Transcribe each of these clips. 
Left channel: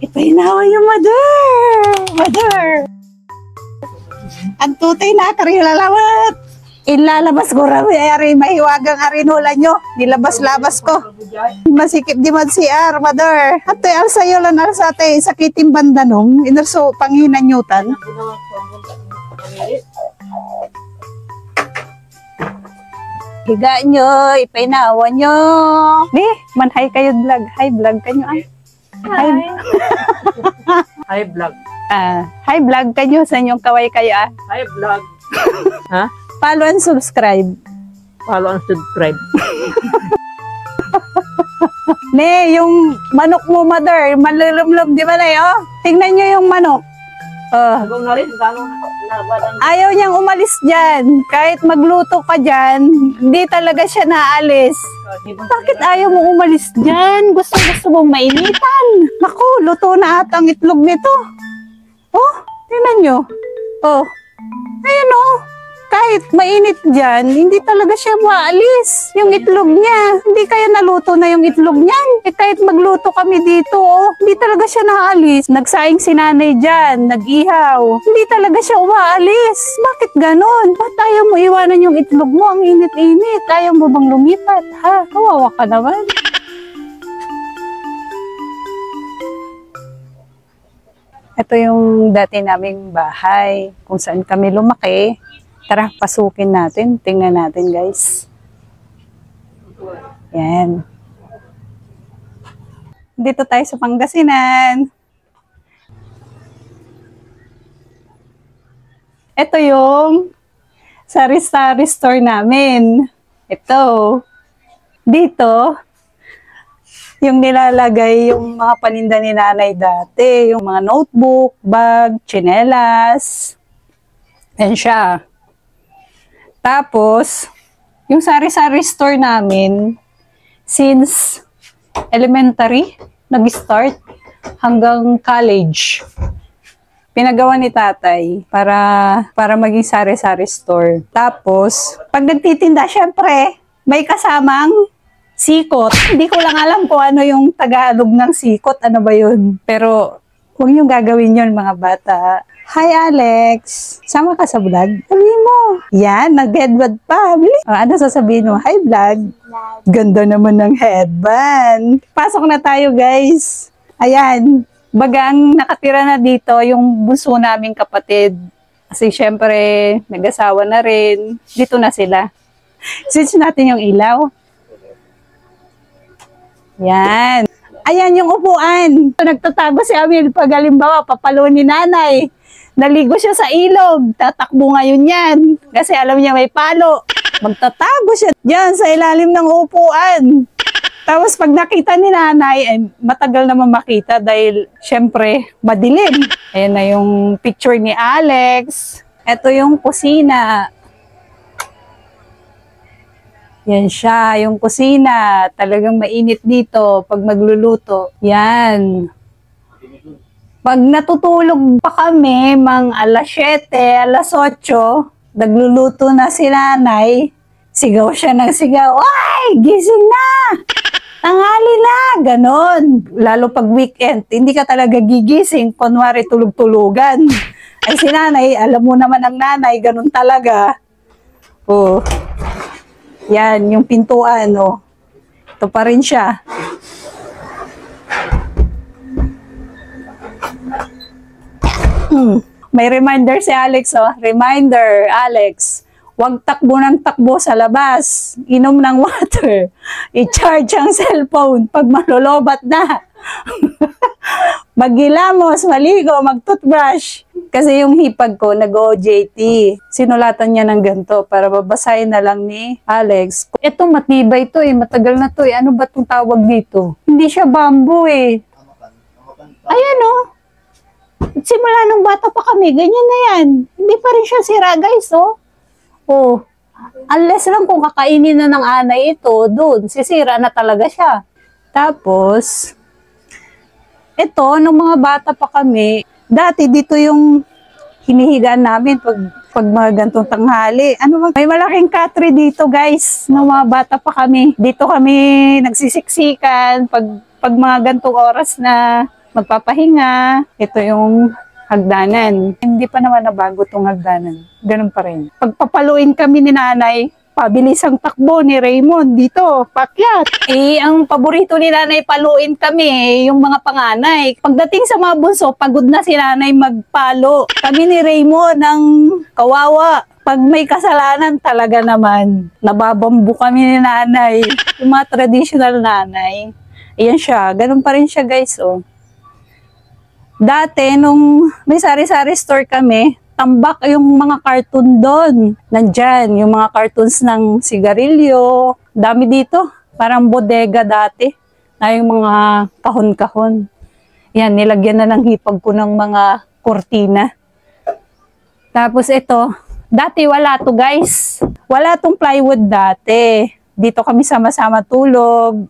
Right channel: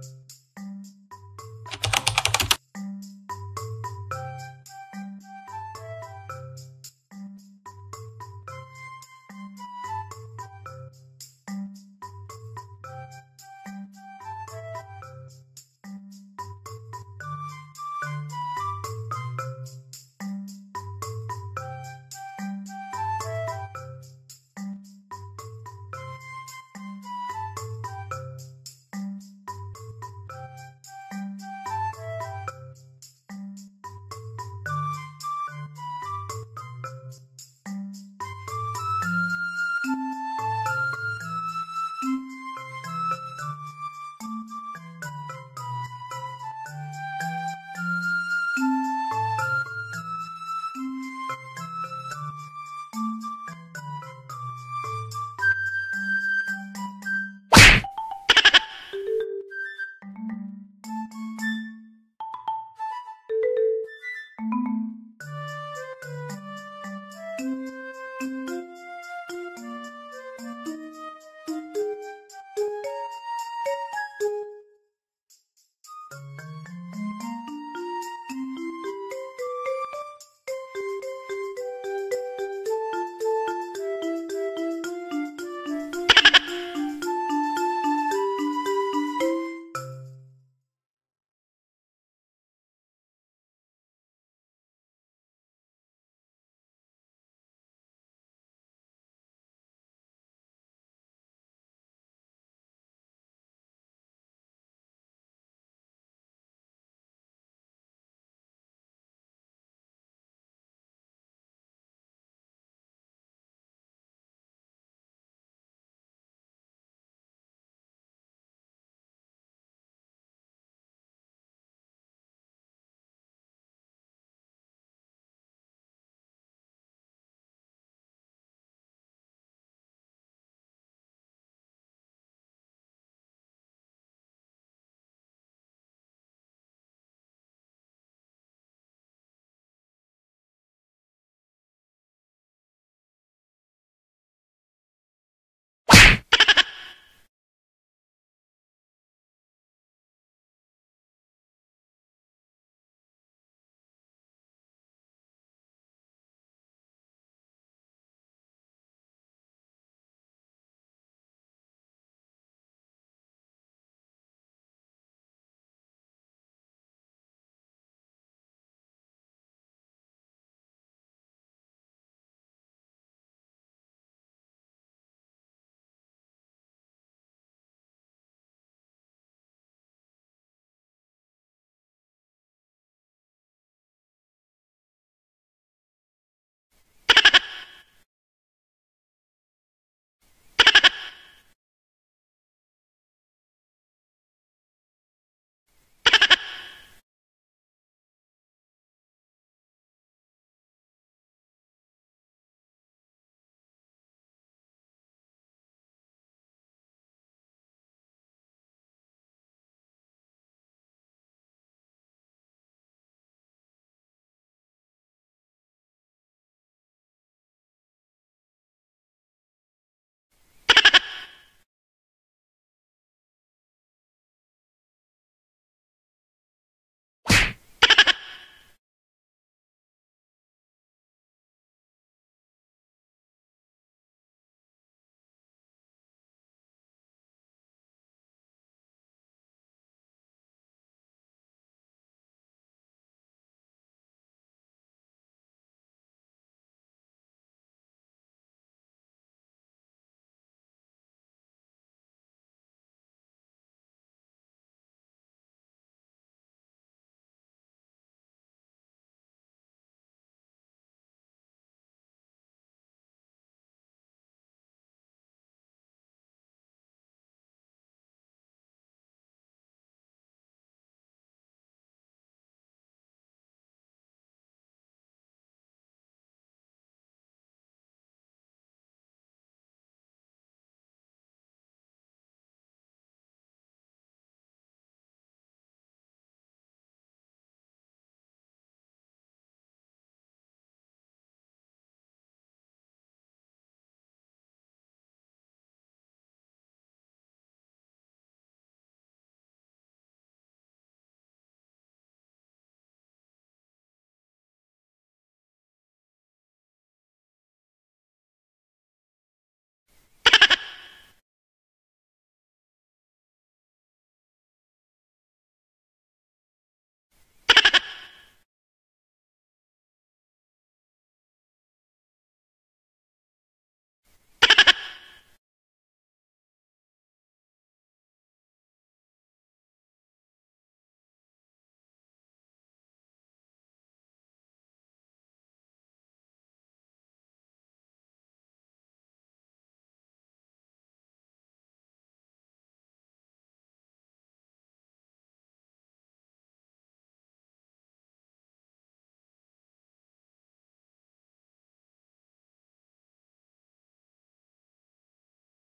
Ipahinawa yung mother. Ang tutay na karilalawat. Inlalabas ko rami ari mahiwagang arinula nyo. Nilabas-labas ko. Masikip di man si mother. At alsa yun lang alsa te sakitin bandanom. Inarso panghinanyutan. Higa nyo, ipahinawa nyo. Di, manhay kayo vlog. Hi vlog kanyo ah. Hi. Hi vlog. Hi vlog kanyo sa inyong kaway kayo ah. Hi vlog. Ha? Follow and subscribe. Follow and subscribe. Ne, yung manok mo, mother, malulumlum, di ba na yun? Tingnan nyo yung manok. Hanggang na rin, Ayaw niyang umalis dyan. Kahit magluto ka dyan, hindi talaga siya naalis. Bakit ayaw mo umalis dyan? Gusto mong mainitan. Naku, luto na at ang itlog nito. Oh, tingnan nyo. Oh, ayun oh. Kahit mainit dyan, hindi talaga siya maalis. Yung itlog niya, hindi kaya naluto na yung itlog niyan. Kahit magluto kami dito, oh, hindi talaga siya naalis. Nagsaing si nanay dyan, nag-ihaw. Hindi talaga siya umaalis. Bakit ganon? Ba't ayaw mo iwanan yung itlog mo? Ang init-init. Ayaw mo bang lumipat, ha? Kawawa ka naman. Ito yung dati naming bahay, kung saan kami lumaki. Tara, pasukin natin. Tingnan natin, guys. Yan. Dito tayo sa Pangasinan. Ito yung sari-sari store namin. Ito. Dito, yung nilalagay yung mga paninda ni nanay dati. Yung mga notebook, bag, tsinelas. Yan siya. Tapos, yung sari-sari store namin, since elementary, nag-start hanggang college. Pinagawa ni tatay para maging sari-sari store. Tapos, pag nagtitinda, syempre, may kasamang sikot. Hindi ko lang alam kung ano yung Tagalog ng sikot. Ano ba yun? Pero, huwag niyong gagawin yun, mga bata. Hi, Alex. Sama ka sa vlog? Sabihin mo. Yan, nag-headband pa. Ano sasabihin mo? Hi, vlog. Ganda naman ng headband. Pasok na tayo, guys. Ayan. Bagang nakatira na dito yung bunso naming kapatid. Kasi syempre, nag-asawa na rin. Dito na sila. Switch natin yung ilaw. Yan. Ayan yung upuan. Nagtatago si Amil pag halimbawa, papalo ni nanay. Naligo siya sa ilog. Tatakbo ngayon yan. Kasi alam niya may palo. Magtatago siya dyan sa ilalim ng upuan. Tapos pag nakita ni nanay, matagal naman makita dahil syempre madilim. Ayan na yung picture ni Alex. Ito yung kusina. Yan siya, yung kusina. Talagang mainit dito pag magluluto. Yan. Pag natutulog pa kami, mga alas 7, alas 8, nagluluto na si nanay, sigaw siya ng sigaw, "Ay, gising na! Tanghali na!" Ganon. Lalo pag weekend, hindi ka talaga gigising, kunwari tulog-tulugan. Ay si nanay, alam mo naman ang nanay, ganon talaga. Oh. Yan, yung pintuan, oh. Ito pa rin siya. May reminder si Alex, oh. Reminder, Alex. Huwag takbo ng takbo sa labas. Inom ng water. I-charge ang cellphone pag malolobat na. Maghilamos, maligo, mag-toothbrush. Kasi yung hipag ko, nag-OJT. Sinulatan niya ng ganito para babasahin na lang ni Alex. Ito, matibay to eh. Matagal na to eh. Ano ba itong tawag dito? Hindi siya bamboo eh. Ayan oh. Simula nung bata pa kami, ganyan na yan. Hindi pa rin siya sira, guys, oh. Oh. Unless lang kung kakainin na ng anay ito, doon, sisira na talaga siya. Tapos, ito, nung mga bata pa kami, dati dito yung hinihigaan namin pag mga gantong tanghali. May malaking katre dito, guys, nung mga bata pa kami. Dito kami nagsisiksikan pag mga gantong oras na magpapahinga. Ito yung hagdanan. Hindi pa naman nabago tong hagdanan. Ganun pa rin. Pagpapaluin kami ni nanay, pabilis ang takbo ni Raymond dito, pakyat. Ang paborito ni nanay paluin kami, yung mga panganay. Pagdating sa mga bunso, pagod na si nanay magpalo. Kami ni Raymond ang kawawa. Pag may kasalanan talaga naman, nababambu kami ni nanay. Yung mga traditional nanay. Ayan siya, ganun pa rin siya guys, oh. Dati, nung may sari-sari store kami, tambak yung mga cartoon doon. Nandyan, yung mga cartoons ng sigarilyo. Dami dito. Parang bodega dati. Na yung mga kahon-kahon. Yan, nilagyan na ng hipag ko ng mga kortina. Tapos ito, dati wala to guys. Wala tong plywood dati. Dito kami sama-sama tulog.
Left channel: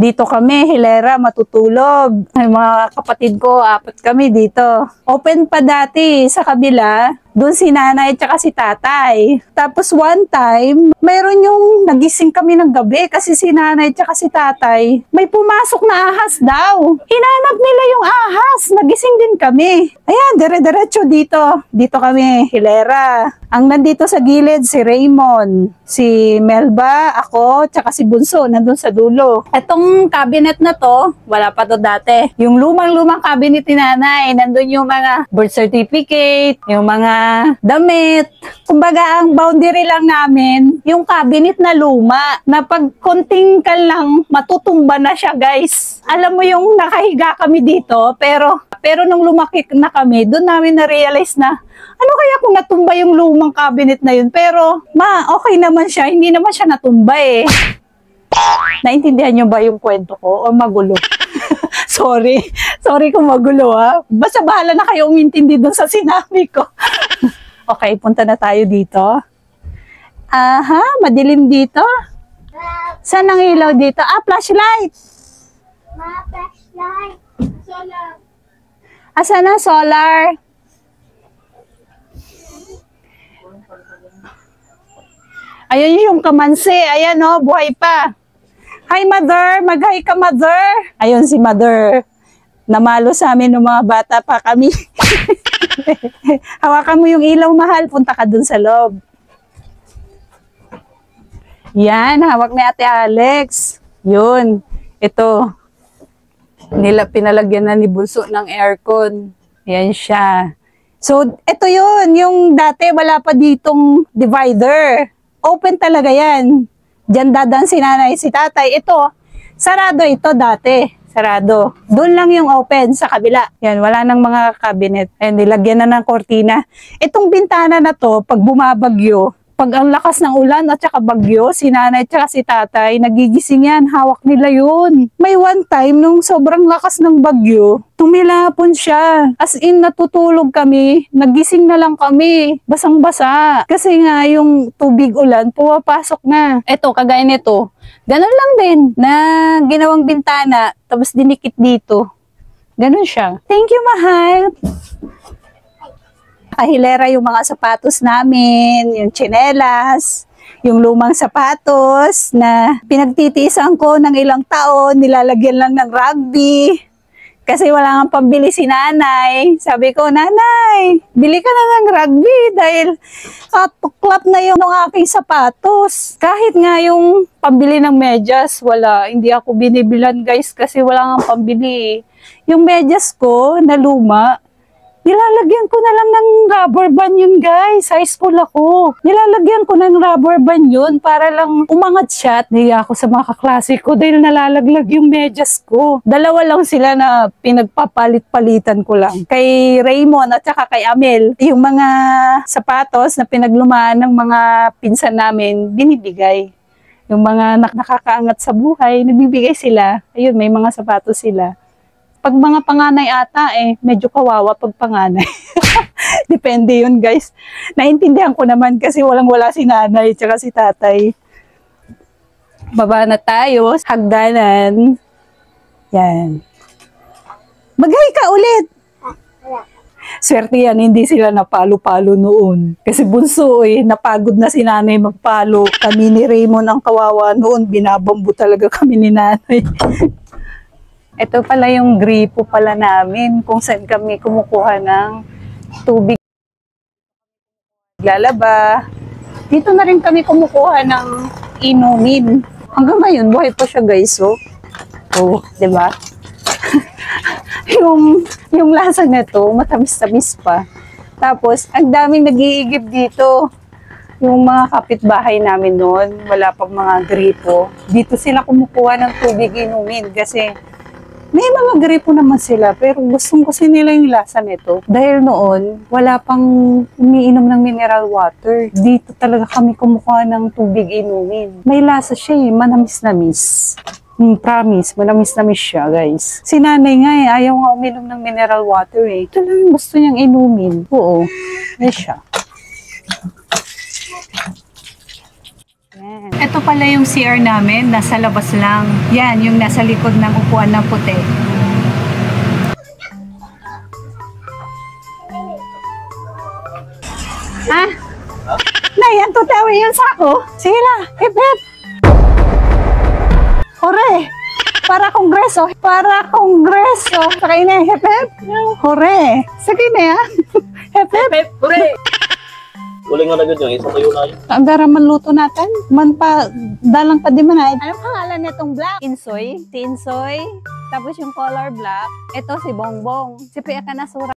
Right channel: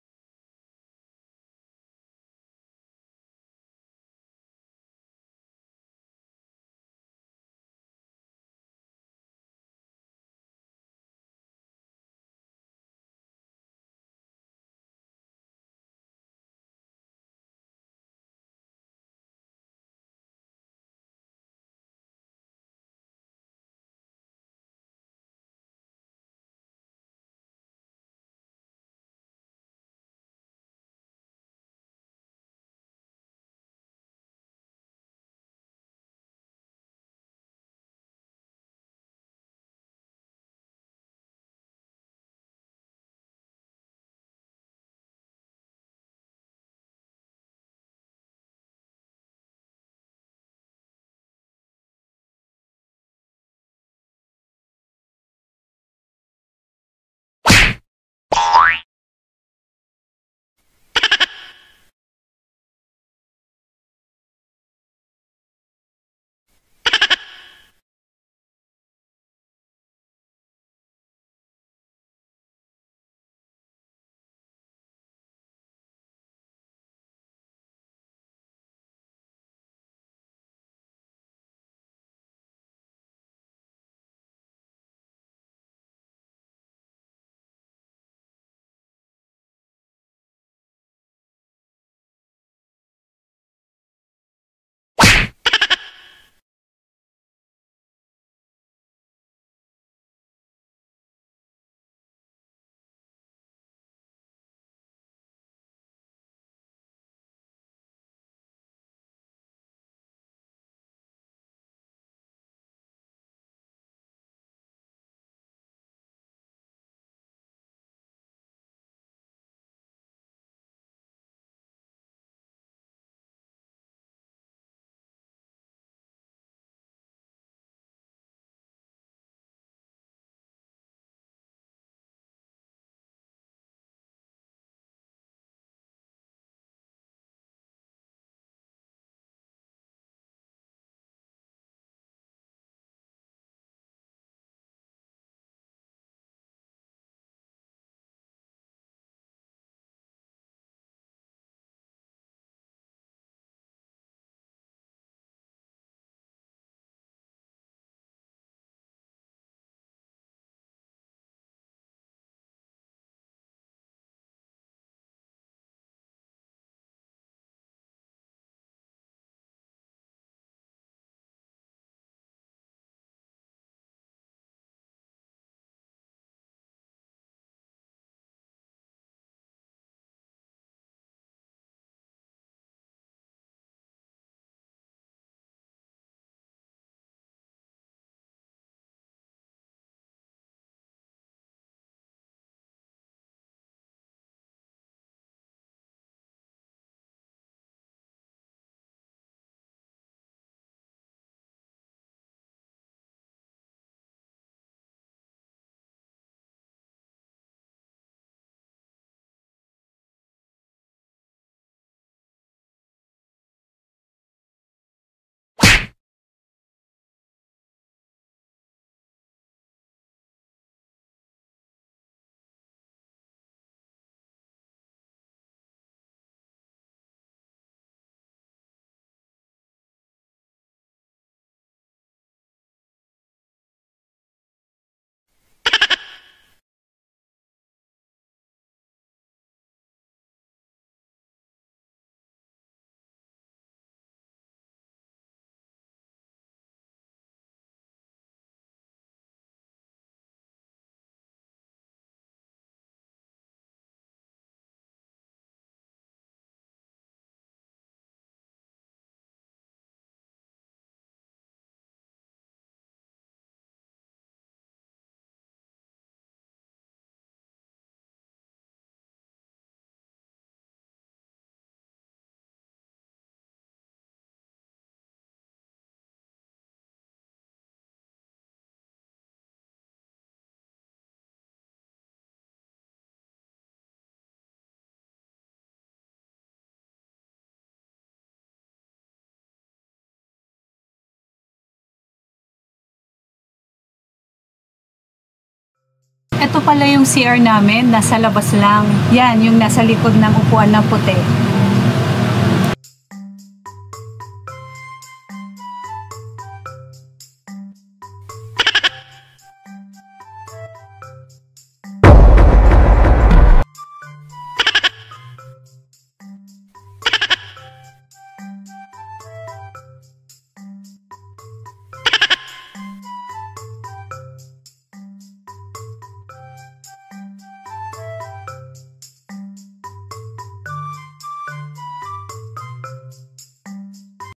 Dito kami, hilera, matutulog. Ay, mga kapatid ko, 4 kami dito. Open pa dati sa kabila. Doon si nanay at si tatay. Tapos one time, mayroon yung nagising kami ng gabi kasi si nanay at si tatay, may pumasok na ahas daw. Hinanap nila yung ahas. Nagising din kami. Ayan, dire-diretso dito. Dito kami, hilera. Ang nandito sa gilid, si Raymond, si Melba, ako, tsaka si Bunso, nandun sa dulo. Etong cabinet na to, wala pa to dati. Yung lumang-lumang cabinet ni nanay, nandun yung mga birth certificate, yung mga damit. Kumbaga, ang boundary lang namin, yung cabinet na luma, na pag konting ka lang, matutumba na siya, guys. Alam mo yung nakahiga kami dito, pero nung lumaki na kami, doon namin na-realize na, ano kaya kung natumba yung lumang cabinet na yun? Pero, okay naman siya. Hindi naman siya natumba eh. Naintindihan niyo ba yung kwento ko? O magulo? Sorry. Sorry kung magulo ha. Basta bahala na kayo umintindi dun sa sinabi ko. Okay, punta na tayo dito. Aha, madilim dito. Saan ang ilaw dito? Flashlight. Flashlight. Solar. Saan ang solar? Ayun yung kamansi. Ayan oh, buhay pa. Hi mother, mag-hi ka mother. Ayun si mother. Namalo sa amin ng mga bata pa kami. Hawakan mo yung ilaw mahal, punta ka dun sa loob. Yan, hawak ni Ate Alex. Yun, ito. Pinalagyan na ni Bunso ng aircon. Yan siya. So, ito yun, yung dati wala pa ditong divider. Open talaga yan. Diyan dadaan si nanay, si tatay. Ito, sarado ito dati. Sarado. Doon lang yung open sa kabila. Yan, wala nang mga cabinet. Ayan, nilagyan na ng kortina. Itong bintana na to, pag bumabagyo, pag ang lakas ng ulan at saka bagyo, si nanay at si tatay, nagigising yan, hawak nila yun. May one time, nung sobrang lakas ng bagyo, tumilapon siya. As in, natutulog kami, nagising na lang kami, basang-basa. Kasi nga, yung tubig ulan, pumapasok na. Eto, kagaya nito, ganun lang din, na ginawang bintana, tapos dinikit dito. Ganun siya. Thank you, mahal. Kahilera yung mga sapatos namin, yung tsinelas, yung lumang sapatos na pinagtitiisan ko ng ilang taon, nilalagyan lang ng rugby. Kasi wala nga pambili si nanay. Sabi ko, nanay, bili ka na ng rugby dahil katuklap na yung aking sapatos. Kahit nga yung pambili ng medyas, wala. Hindi ako binibilan guys kasi wala nga pambili. Yung medyas ko na luma, nilalagyan ko na lang ng rubber band yun guys. High school ako. Nilalagyan ko ng rubber band yun para lang umangat siya. At nahiya ako sa mga kaklase ko dahil nalalaglag yung medyas ko. Dalawa lang sila na pinagpapalit-palitan ko lang. Kay Raymond at saka kay Amel, yung mga sapatos na pinaglumaan ng mga pinsan namin, binibigay. Yung mga nakakaangat sa buhay, nabibigay sila. Ayun, may mga sapatos sila. Pag mga panganay ata, medyo kawawa pag panganay. Depende yun, guys. Naintindihan ko naman kasi walang-wala si nanay tsaka si tatay. Baba na tayo. Hagdanan. Yan. Mag-hi ka ulit. Swerte yan, hindi sila napalo-palo noon. Kasi bunso napagod na si nanay magpalo. Kami ni Raymond ang kawawa noon. Binabambu talaga kami ni nanay. Ito pala yung gripo pala namin kung saan kami kumukuha ng tubig lalaba. Dito na rin kami kumukuha ng inumin. Hanggang ngayon, buhay pa siya guys. Oh, di ba? yung lasa nito, matamis-tamis pa. Tapos, ang daming nag-iigib dito. Yung mga kapitbahay namin noon, wala pang mga gripo. Dito sila kumukuha ng tubig inumin kasi may mga gripo naman sila pero gustong kasi nila yung lasa nito. Dahil noon, wala pang umiinom ng mineral water. Dito talaga kami kumukuha ng tubig inumin. May lasa siya manamis-namis. Promise, manamis-namis siya guys. Si nanay nga ayaw nga uminom ng mineral water Ito lang yung gusto niyang inumin. Oo, may siya. Ito pala yung CR namin, nasa labas lang. Yan, yung nasa likod ng upuan ng puti. Ha? Nay, ang tutawi yung sako. Sige na, hip hip. Hore! Para kongreso. Para kongreso. Sakay na, hip hip. Hore! Sige na yan. Hip hip. Hooray! Uling nga na ganyan, isang tayo na yun. Ang dara man luto natin. Man pa, dalang pa di man ay. Anong pangalan nitong black? Insoy. Si Insoy. Tapos yung color black. Ito si Bongbong. Si Pia Kanasura.